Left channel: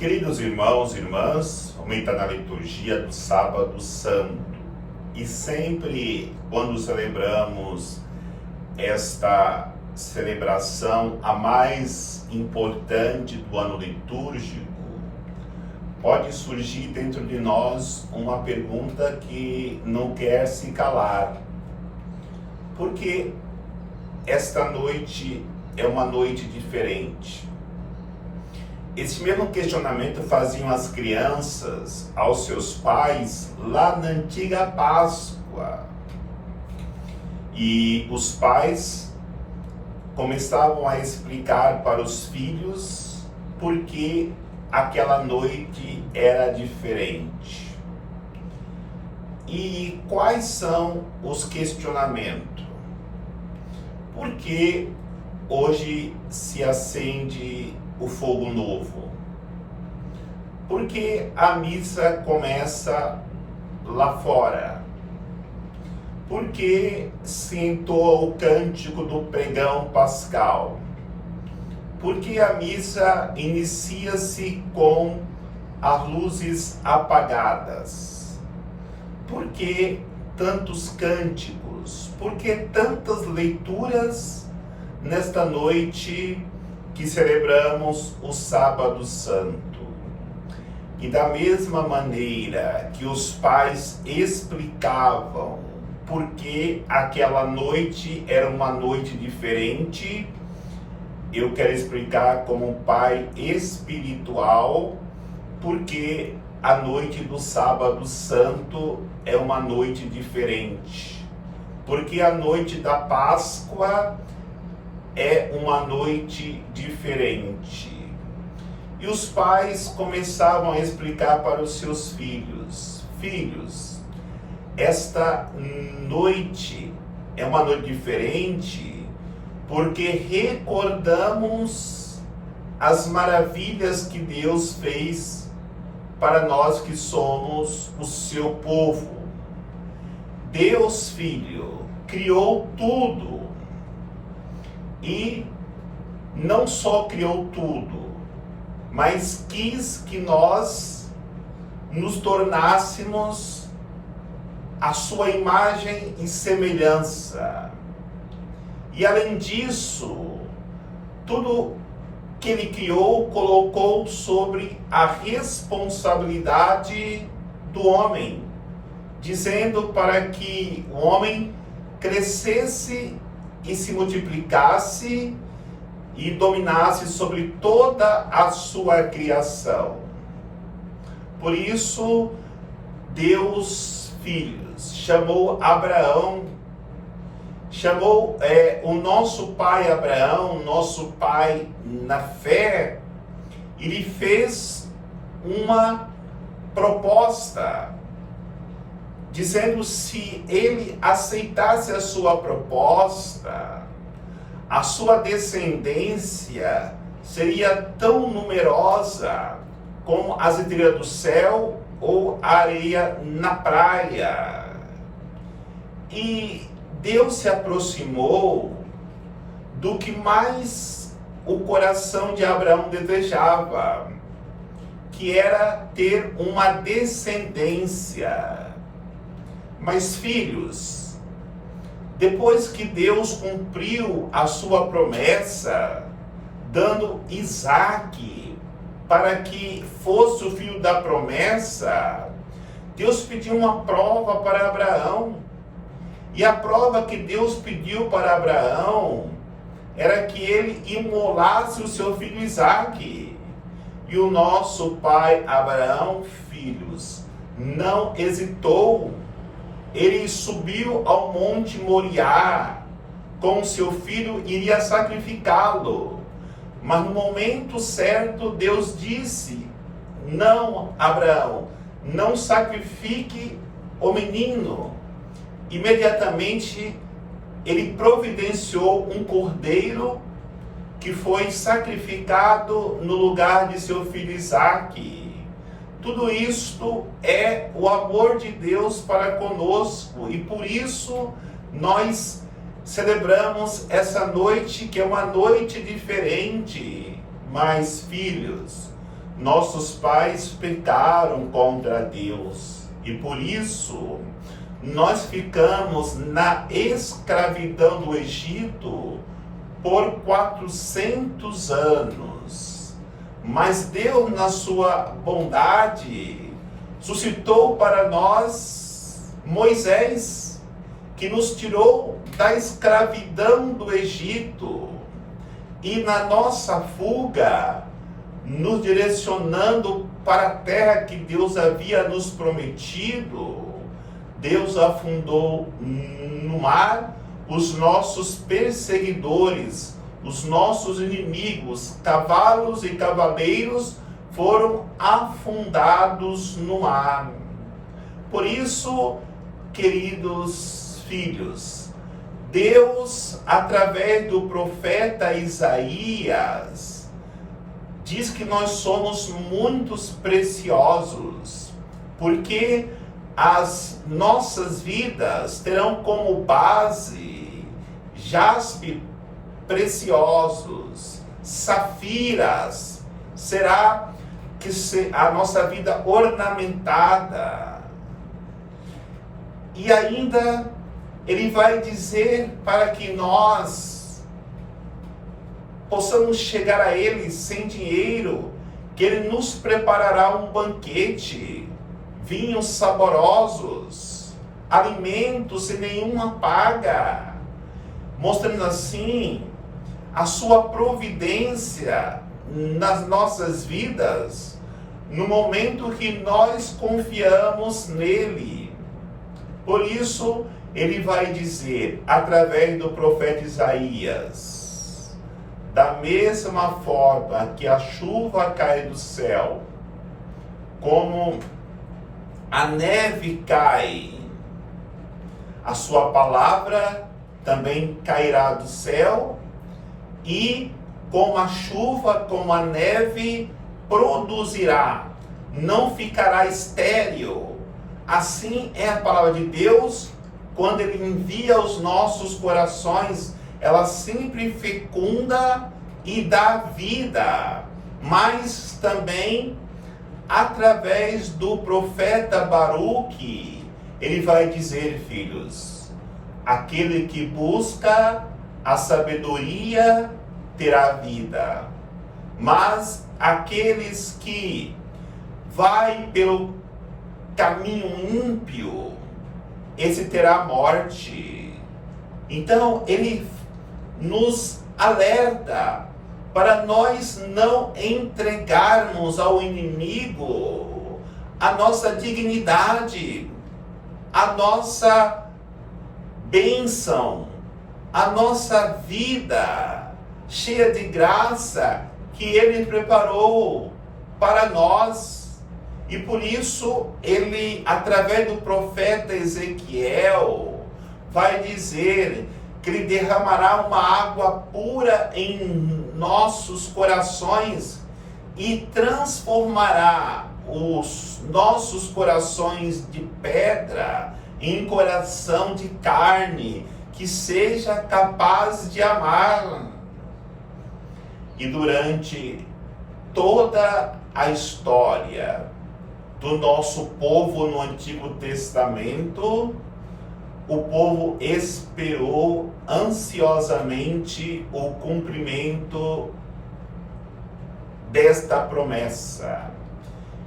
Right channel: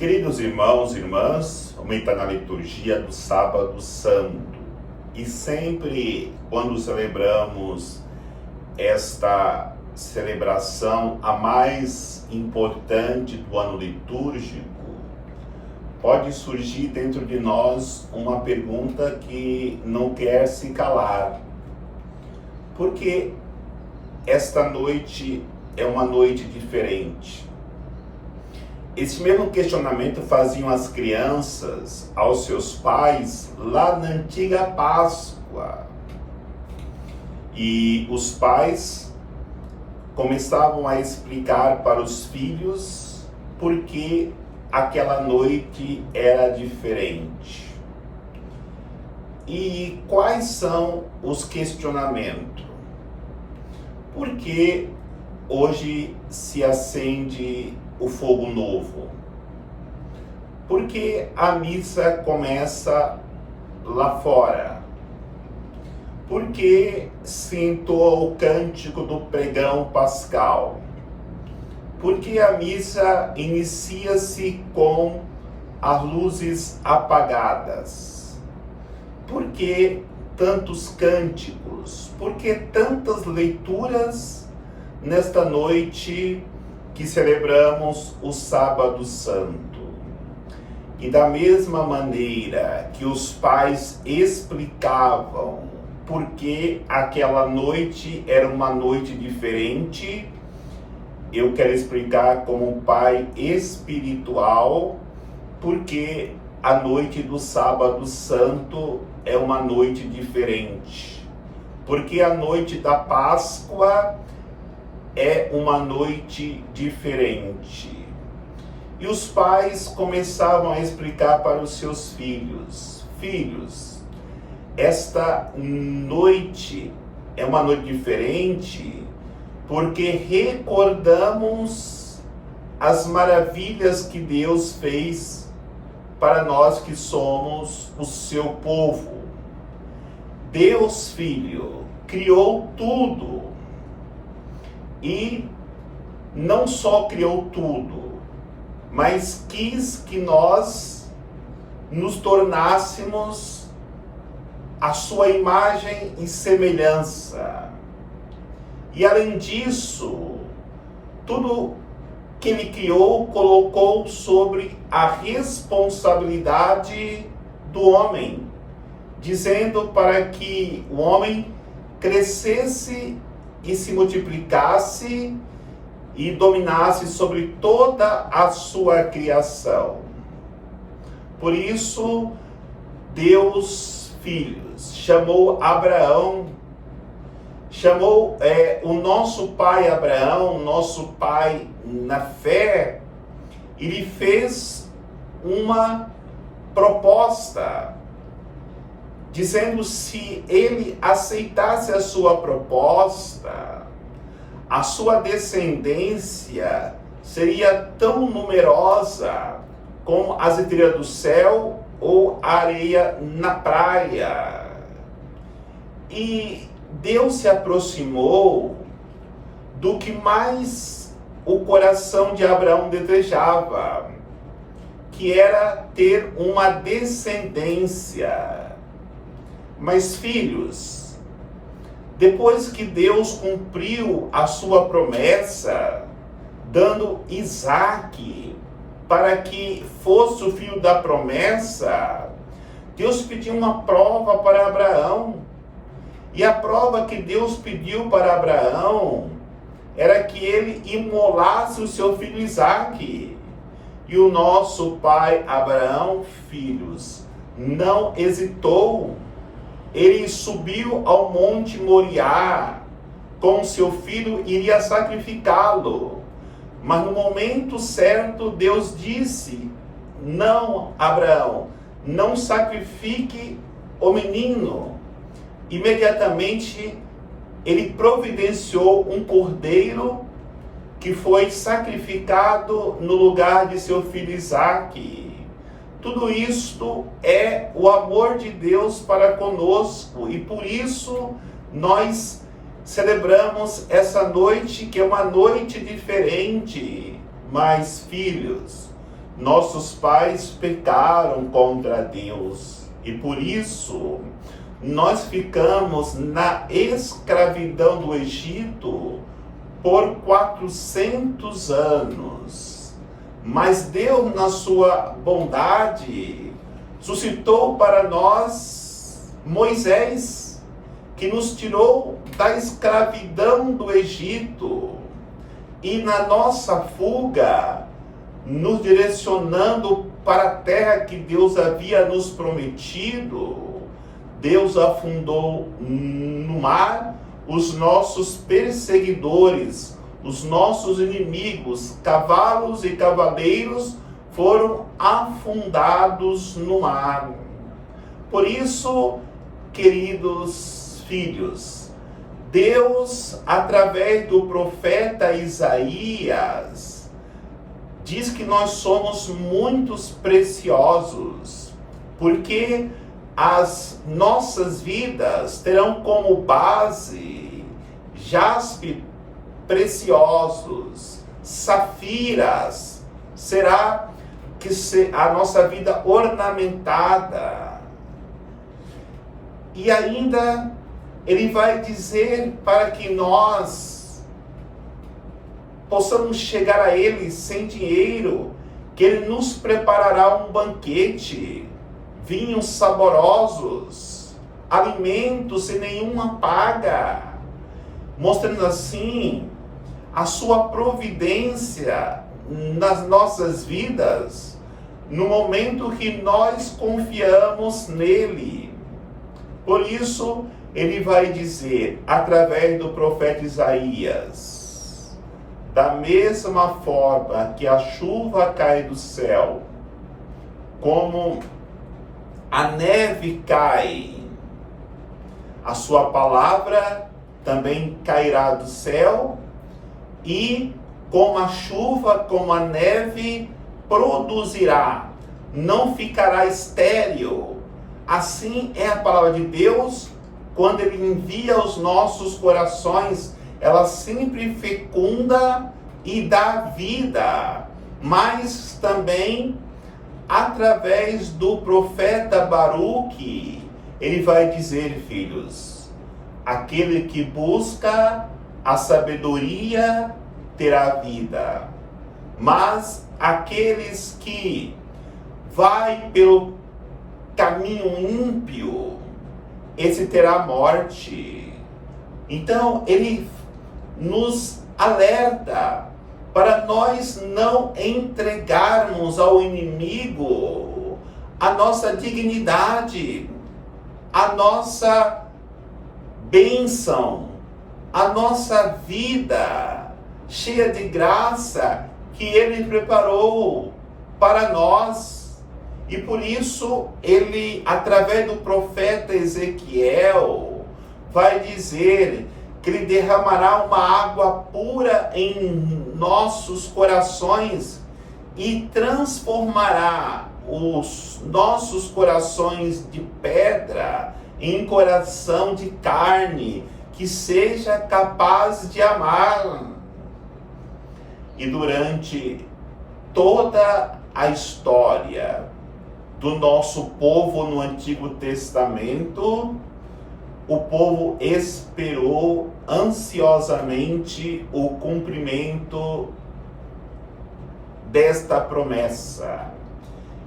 Queridos irmãos e irmãs, vamos entrar na liturgia do Sábado Santo. E sempre, quando celebramos esta celebração, a mais importante do ano litúrgico, pode surgir dentro de nós uma pergunta que não quer se calar. Por que esta noite é uma noite diferente? Esse mesmo questionamento faziam as crianças aos seus pais lá na antiga Páscoa. E os pais começavam a explicar para os filhos por que aquela noite era diferente. E quais são os questionamentos? Por que hoje se acende o fogo novo? Por que a missa começa lá fora? Por que se entoa o cântico do pregão pascal? Por que a missa inicia-se com as luzes apagadas? Por que tantos cânticos? Por que tantas leituras nesta noite que celebramos o Sábado Santo? E da mesma maneira que os pais explicavam por que aquela noite era uma noite diferente, eu quero explicar como um pai espiritual porque a noite do Sábado Santo é uma noite diferente. Porque a noite da Páscoa é uma noite diferente. E os pais começavam a explicar para os seus filhos: filhos, esta noite é uma noite diferente porque recordamos as maravilhas que Deus fez para nós que somos o seu povo. Deus, Filho, criou tudo. E não só criou tudo, mas quis que nós nos tornássemos a sua imagem e semelhança. E além disso, tudo que ele criou, colocou sobre a responsabilidade do homem, dizendo para que o homem crescesse e se multiplicasse e dominasse sobre toda a sua criação. Por isso, Deus, filhos, chamou Abraão, chamou o nosso pai Abraão, nosso pai na fé, e lhe fez uma proposta, dizendo se ele aceitasse a sua proposta, a sua descendência seria tão numerosa como as estrelas do céu ou a areia na praia. E Deus se aproximou do que mais o coração de Abraão desejava, que era ter uma descendência. Mas, filhos, depois que Deus cumpriu a sua promessa, dando Isaque para que fosse o filho da promessa, Deus pediu uma prova para Abraão. E a prova que Deus pediu para Abraão era que ele imolasse o seu filho Isaque. E o nosso pai Abraão, filhos, não hesitou. Ele subiu ao Monte Moriá com seu filho e iria sacrificá-lo. Mas no momento certo, Deus disse: não, Abraão, não sacrifique o menino. Imediatamente, ele providenciou um cordeiro que foi sacrificado no lugar de seu filho Isaque. Tudo isto é o amor de Deus para conosco, e por isso nós celebramos essa noite, que é uma noite diferente. Mas, filhos, nossos pais pecaram contra Deus e por isso nós ficamos na escravidão do Egito por 400 anos. Mas Deus, na sua bondade, suscitou para nós Moisés, que nos tirou da escravidão do Egito e na nossa fuga, nos direcionando para a terra que Deus havia nos prometido, Deus afundou no mar os nossos perseguidores, os nossos inimigos, cavalos e cavaleiros foram afundados no mar. Por isso, queridos filhos, Deus, através do profeta Isaías, diz que nós somos muito preciosos, porque as nossas vidas terão como base jaspe preciosos, safiras, será que a nossa vida ornamentada. E ainda ele vai dizer para que nós possamos chegar a ele sem dinheiro, que ele nos preparará um banquete, vinhos saborosos, alimentos sem nenhuma paga, mostrando assim a sua providência nas nossas vidas, no momento que nós confiamos nele. Por isso, ele vai dizer, através do profeta Isaías, da mesma forma que a chuva cai do céu, como a neve cai, a sua palavra também cairá do céu, e como a chuva, como a neve, produzirá, não ficará estéril. Assim é a palavra de Deus, quando ele envia aos nossos corações, ela sempre fecunda e dá vida, mas também através do profeta Baruque, ele vai dizer, filhos, aquele que busca a sabedoria terá vida, mas aqueles que vai pelo caminho ímpio, esse terá morte. Então ele nos alerta para nós não entregarmos ao inimigo a nossa dignidade, a nossa bênção, a nossa vida cheia de graça que ele preparou para nós. E por isso ele, através do profeta Ezequiel, vai dizer que ele derramará uma água pura em nossos corações e transformará os nossos corações de pedra em coração de carne, que seja capaz de amar. E durante toda a história do nosso povo no Antigo Testamento, o povo esperou ansiosamente o cumprimento desta promessa.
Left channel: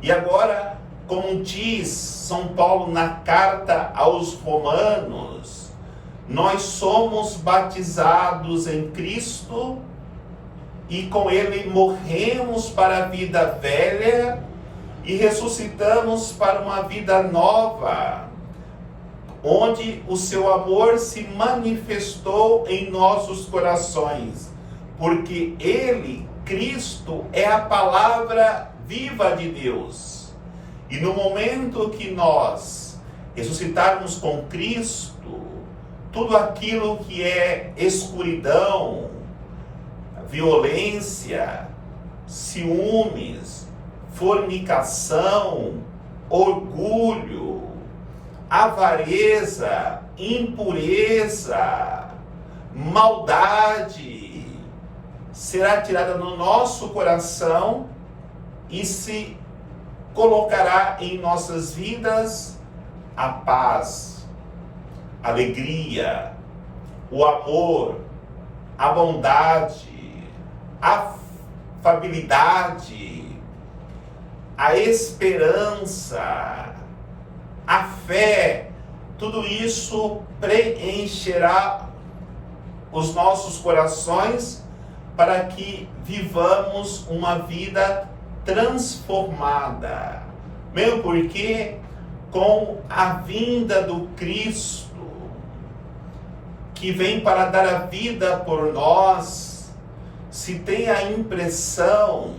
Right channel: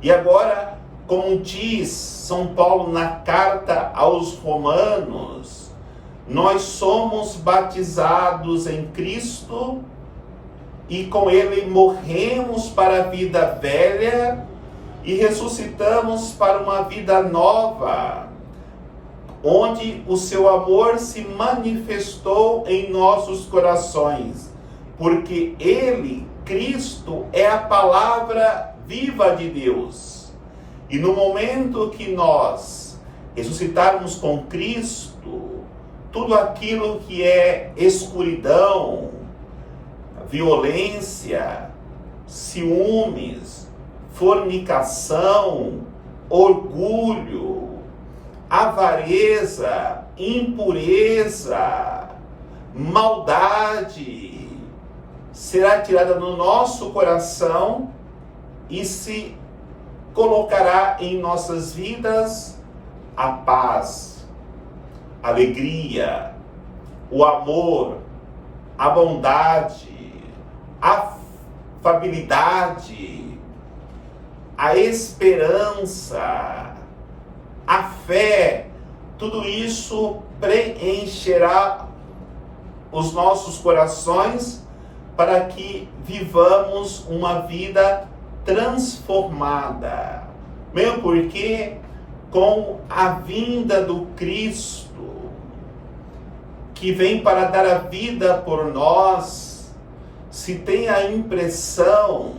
E agora, como diz São Paulo na carta aos Romanos, nós somos batizados em Cristo e com ele morremos para a vida velha e ressuscitamos para uma vida nova, onde o seu amor se manifestou em nossos corações, porque ele, Cristo, é a palavra viva de Deus. E no momento que nós ressuscitarmos com Cristo, tudo aquilo que é escuridão, violência, ciúmes, fornicação, orgulho, avareza, impureza, maldade, será tirada no nosso coração e se colocará em nossas vidas a paz, a alegria, o amor, a bondade, a afabilidade, a esperança, a fé. Tudo isso preencherá os nossos corações para que vivamos uma vida transformada. Mesmo porque com a vinda do Cristo, que vem para dar a vida por nós, se tem a impressão,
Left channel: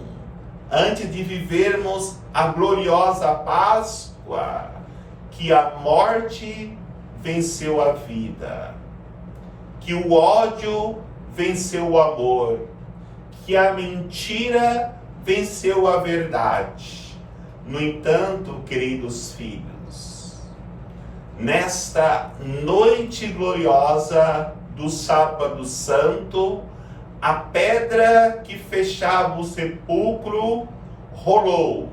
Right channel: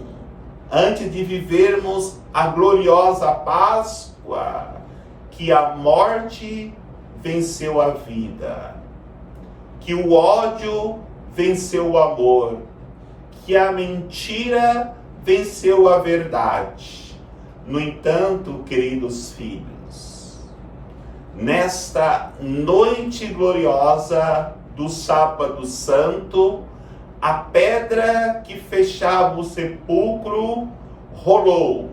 antes de vivermos a gloriosa Páscoa, que a morte venceu a vida, que o ódio venceu o amor, que a mentira venceu a verdade. No entanto, queridos filhos, nesta noite gloriosa do Sábado Santo, a pedra que fechava o sepulcro rolou,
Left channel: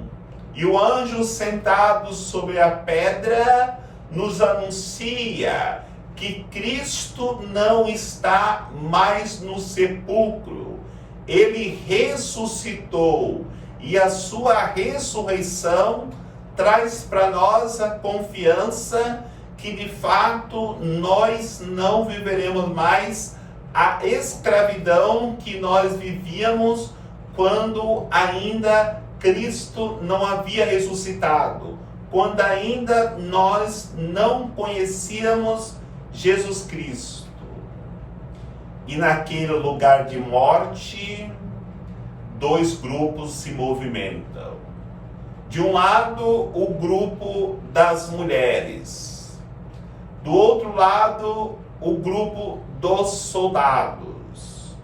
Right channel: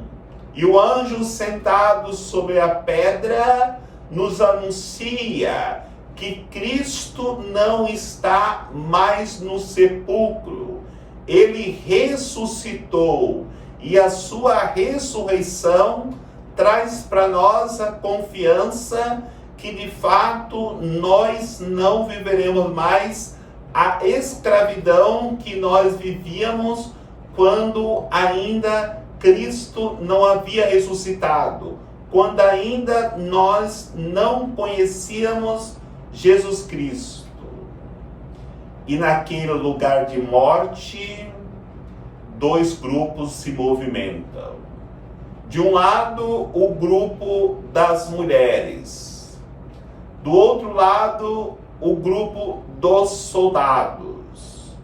e o anjo sentado sobre a pedra nos anuncia que Cristo não está mais no sepulcro. Ele ressuscitou, e a sua ressurreição traz para nós a confiança que de fato nós não viveremos mais a escravidão que nós vivíamos quando ainda Cristo não havia ressuscitado, quando ainda nós não conhecíamos Jesus Cristo. E naquele lugar de morte, dois grupos se movimentam. De um lado, o grupo das mulheres. Do outro lado, o grupo dos soldados.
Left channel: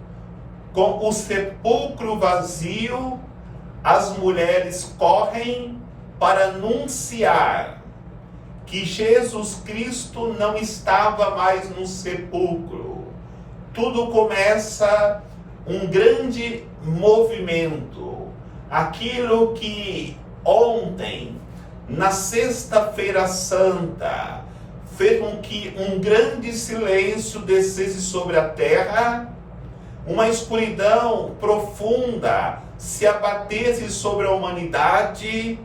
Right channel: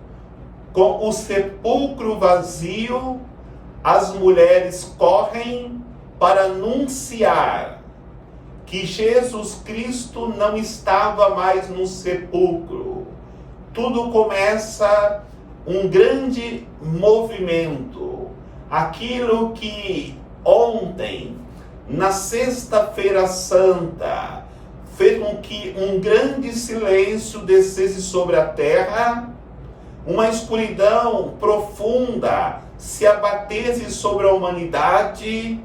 Com o sepulcro vazio, as mulheres correm para anunciar que Jesus Cristo não estava mais no sepulcro. Tudo começa um grande movimento. Aquilo que ontem, na Sexta-feira Santa, fez com que um grande silêncio descesse sobre a terra, uma escuridão profunda se abatesse sobre a humanidade.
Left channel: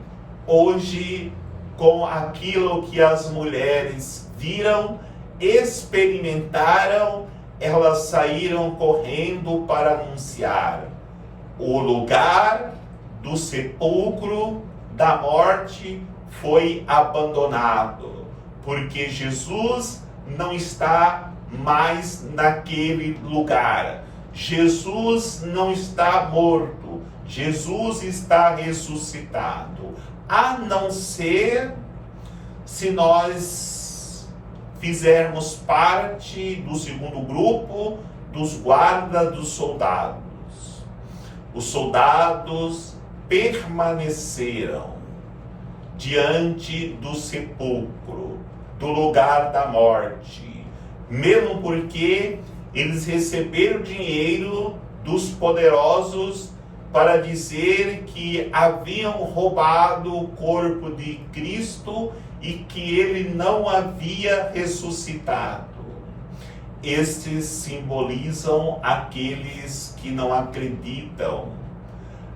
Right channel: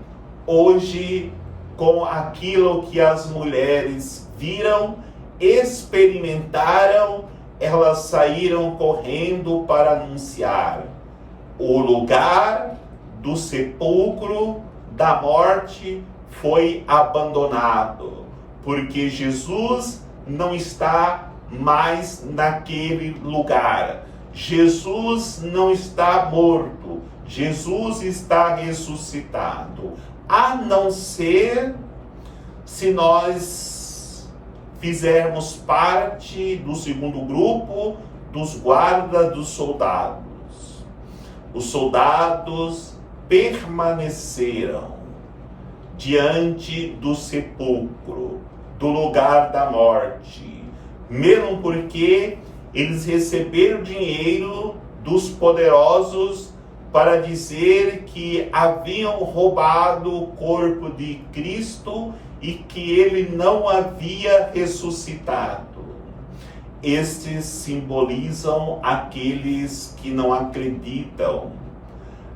Hoje, com aquilo que as mulheres viram, experimentaram, elas saíram correndo para anunciar: o lugar do sepulcro da morte foi abandonado, porque Jesus não está mais naquele lugar. Jesus não está morto, Jesus está ressuscitado. A não ser se nós fizermos parte do segundo grupo, dos guardas dos soldados. Os soldados permaneceram diante do sepulcro, do lugar da morte, mesmo porque eles receberam dinheiro dos poderosos para dizer que haviam roubado o corpo de Cristo e que ele não havia ressuscitado. Estes simbolizam aqueles que não acreditam,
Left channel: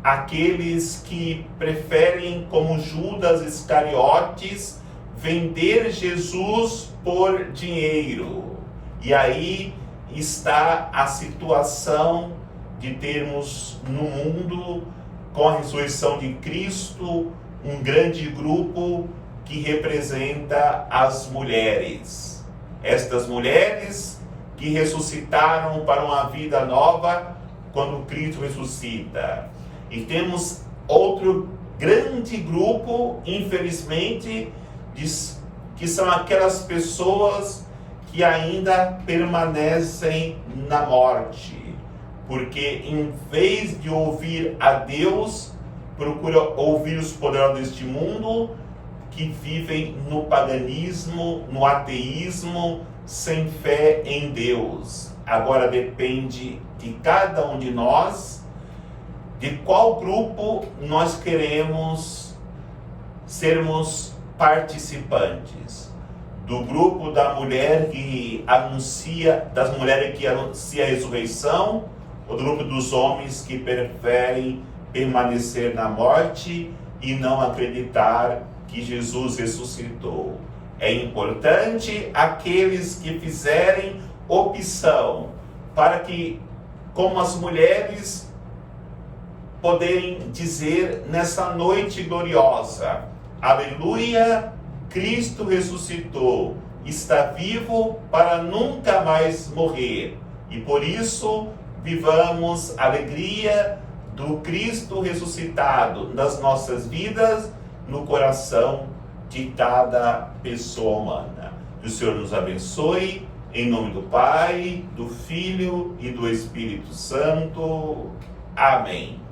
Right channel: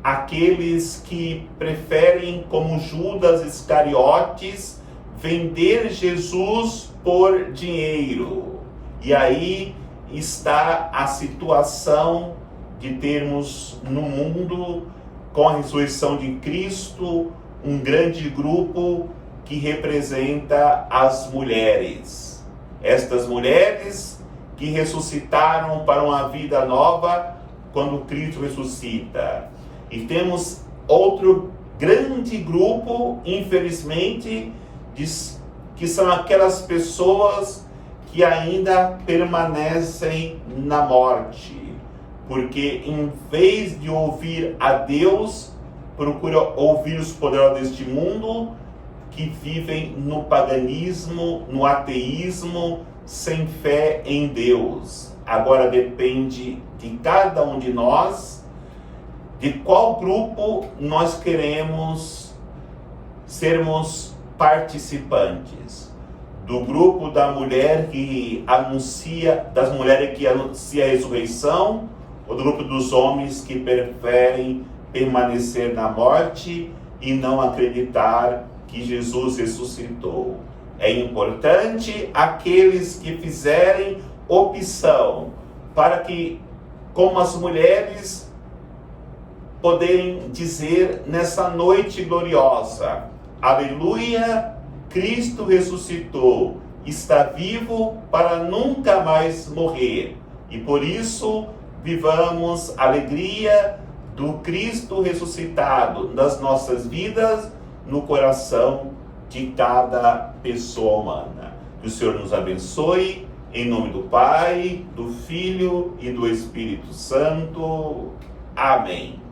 aqueles que preferem, como Judas Iscariotes, vender Jesus por dinheiro. E aí está a situação de termos no mundo, com a ressurreição de Cristo, um grande grupo que representa as mulheres. Estas mulheres que ressuscitaram para uma vida nova quando Cristo ressuscita. E temos outro grande grupo, infelizmente, que são aquelas pessoas que ainda permanecem na morte, porque em vez de ouvir a Deus, procura ouvir os poderosos deste mundo, que vivem no paganismo, no ateísmo, sem fé em Deus. Agora depende de cada um de nós de qual grupo nós queremos sermos participantes. Do grupo da mulher que anuncia, das mulheres que anuncia a ressurreição, ou do grupo dos homens que preferem permanecer na morte e não acreditar que Jesus ressuscitou. É importante aqueles que fizerem opção para que, como as mulheres, poderem dizer nessa noite gloriosa: aleluia, Cristo ressuscitou, está vivo para nunca mais morrer. E por isso, vivamos a alegria do Cristo ressuscitado nas nossas vidas, no coração de cada pessoa humana. Que o Senhor nos abençoe, em nome do Pai, do Filho e do Espírito Santo. Amém.